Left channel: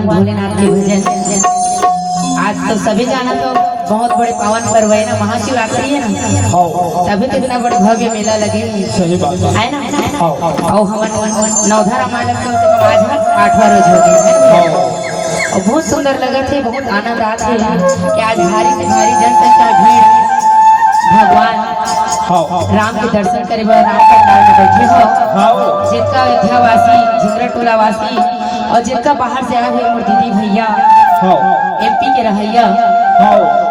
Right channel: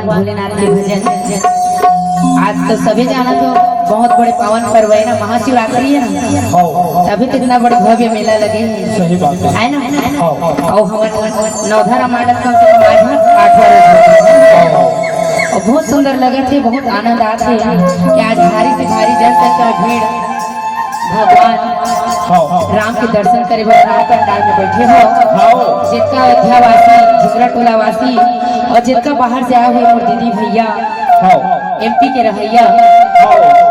भगवान भोलेनाथ के भजन। आज तो सभी जाना तो बहुत बड़े पावन पर्व है ना, महाशिवरात्रि है ना, तभी तो इतना बड़े भव्य मेला लगे है ना। और हवन नवधारा मंडप का आज 8वां रोज हो और बहुत सुंदर लगे थे, बहुत आनंद आते कि आज भारी से भारी दर्शन का भीड़ भगवान राम के दर्शन करे बर राम पंडाल में बैठे हो। जिनका अयोध्यावासी झिगरा टोला वासी और जिनका बाहर से आए हुए मोर दीदी भैया एमपी के रहैया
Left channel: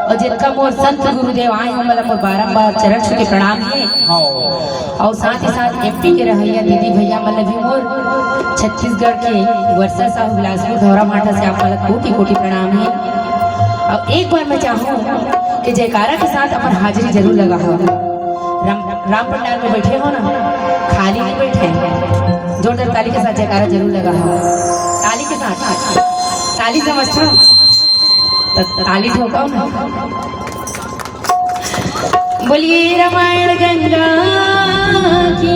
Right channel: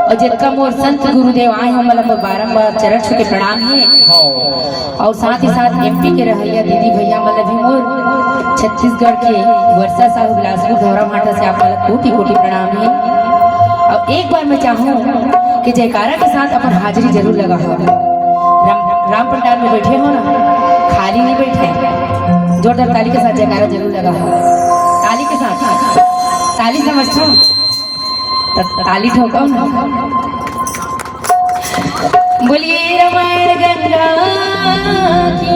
और जिनका मोर संत गुरुदेव आए हम मतलब बारम्बार चरण छू के प्रणाम है। और साथ ही साथ एमपी के रहैया दीदी भैया मतलब भी मोर छत्तीसगढ़ के वर्षा साहू बिलासपुर धौरा माटा से आप मतलब कोटि कोटि प्रणाम है। और एक बार मैं चाहूँ कि जयकारा के साथ अपन हाजिरी जरूर लगा हो। राम पंडाल में बैठे हो ना, खाली नहीं बैठे, जोरदार ताली के साथ जयकारा जरूर लगा हो। ताली के साथ, ताली समझता हूँ, ताली ठोकाओ ना। बोलिए रामायण गंगा की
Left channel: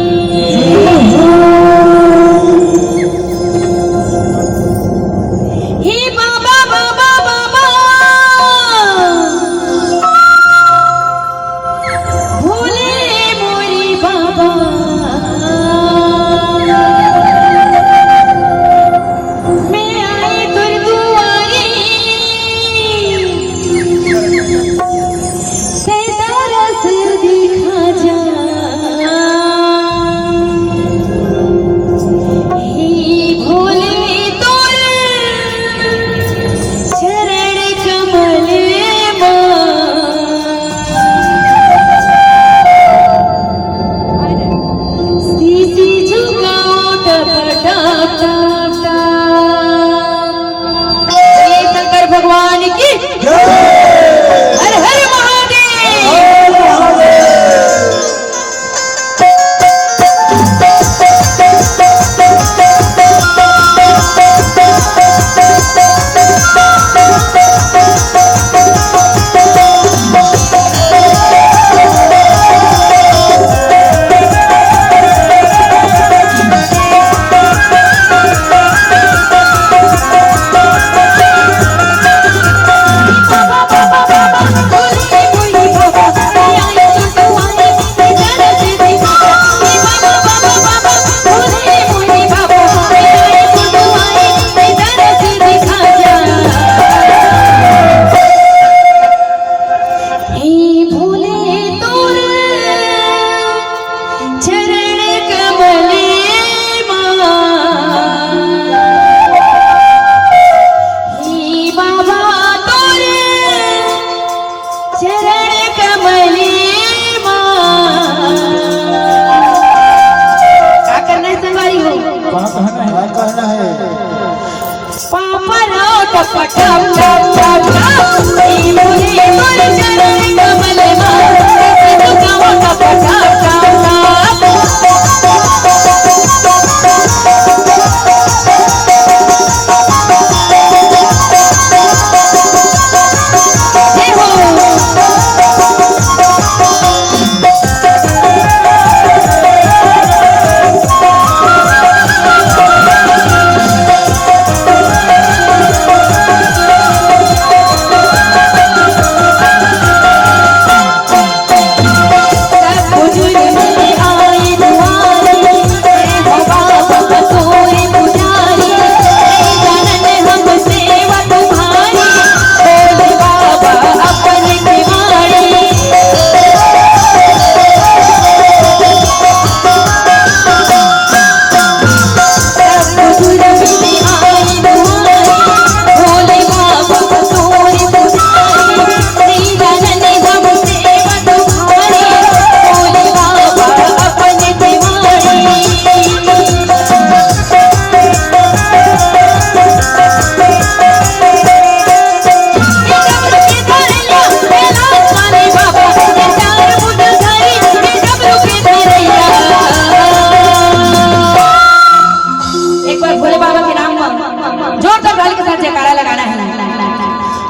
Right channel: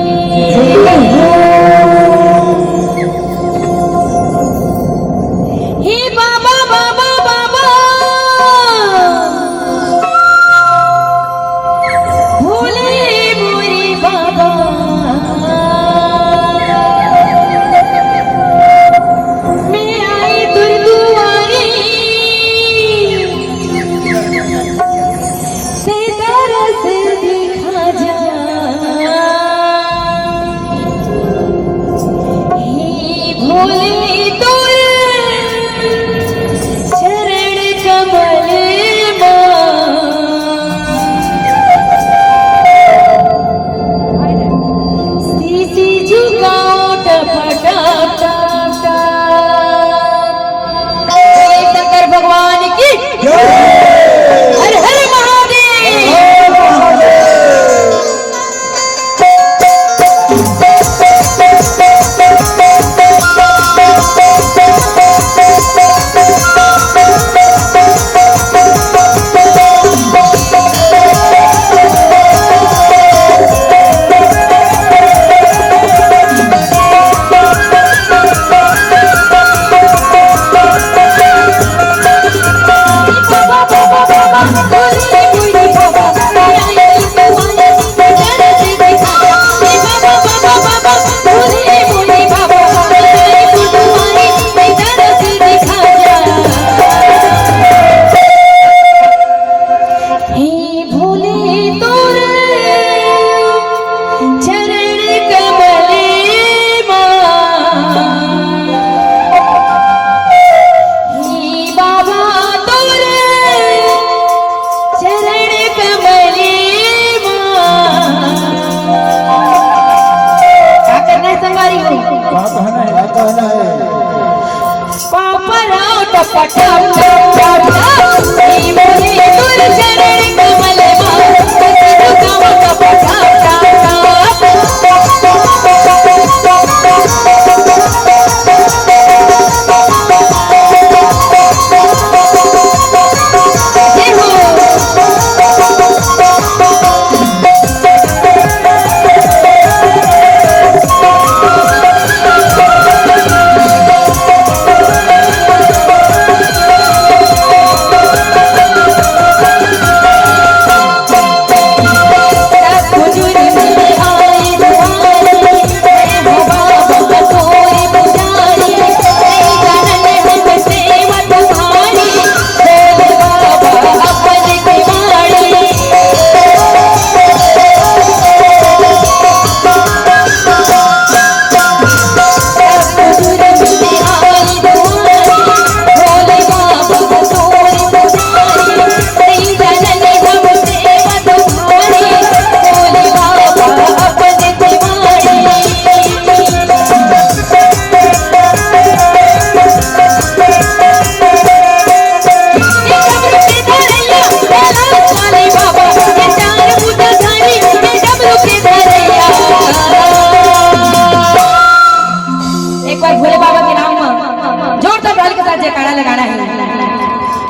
हे बाबा बाबा बाबा भोले मोरे बाबा मैं आई तुर दुआरी से तरस दिखा जा हे भोले तुर चरण कमल सीसी झुकाओ टपटा शंकर भगवान की हर हर महादेव।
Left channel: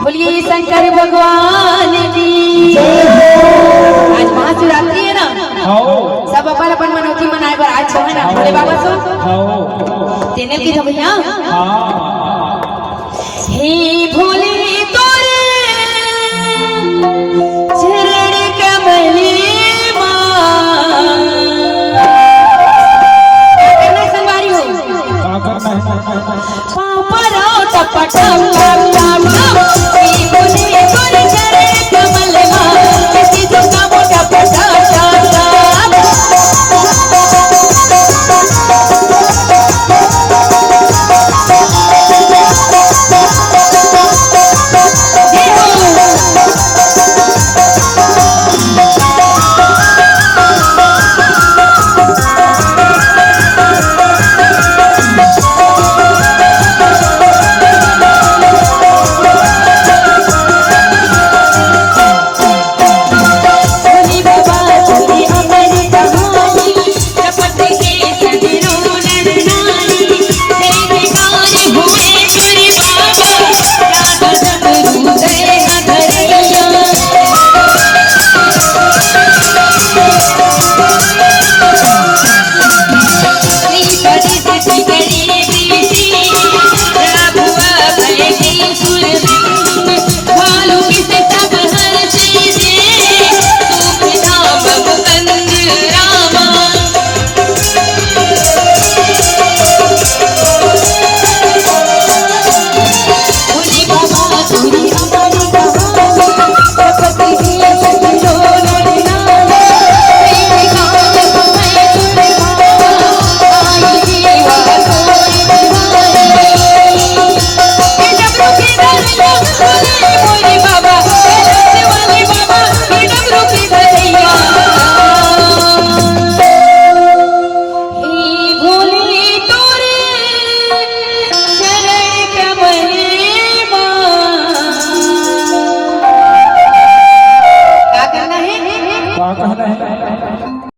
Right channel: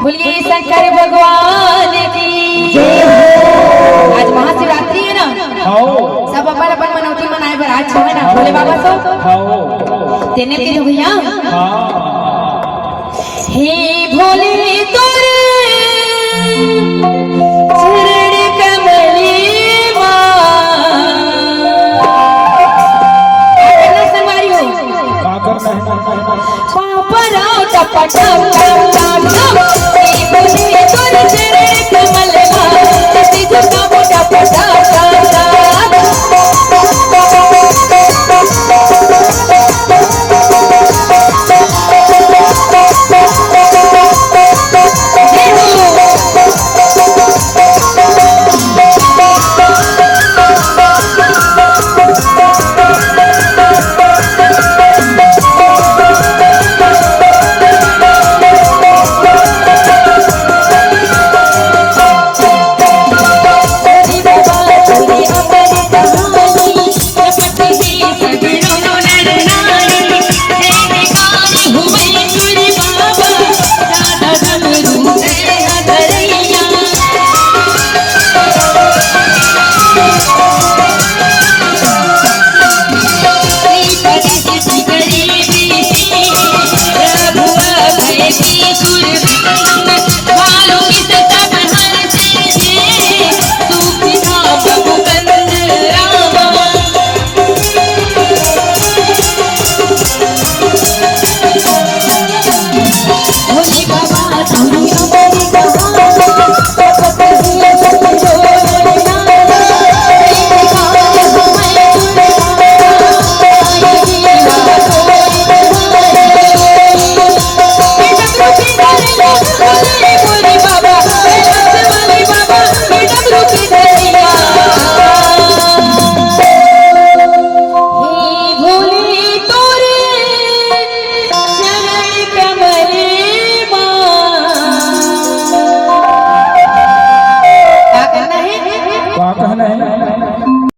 बोलिए शंकर भगवान की। आज महाशिवरात्रि है ना, सब अपन अपन मनौती मनाए बर आज है ना भोले बाबा सो तेने की भैया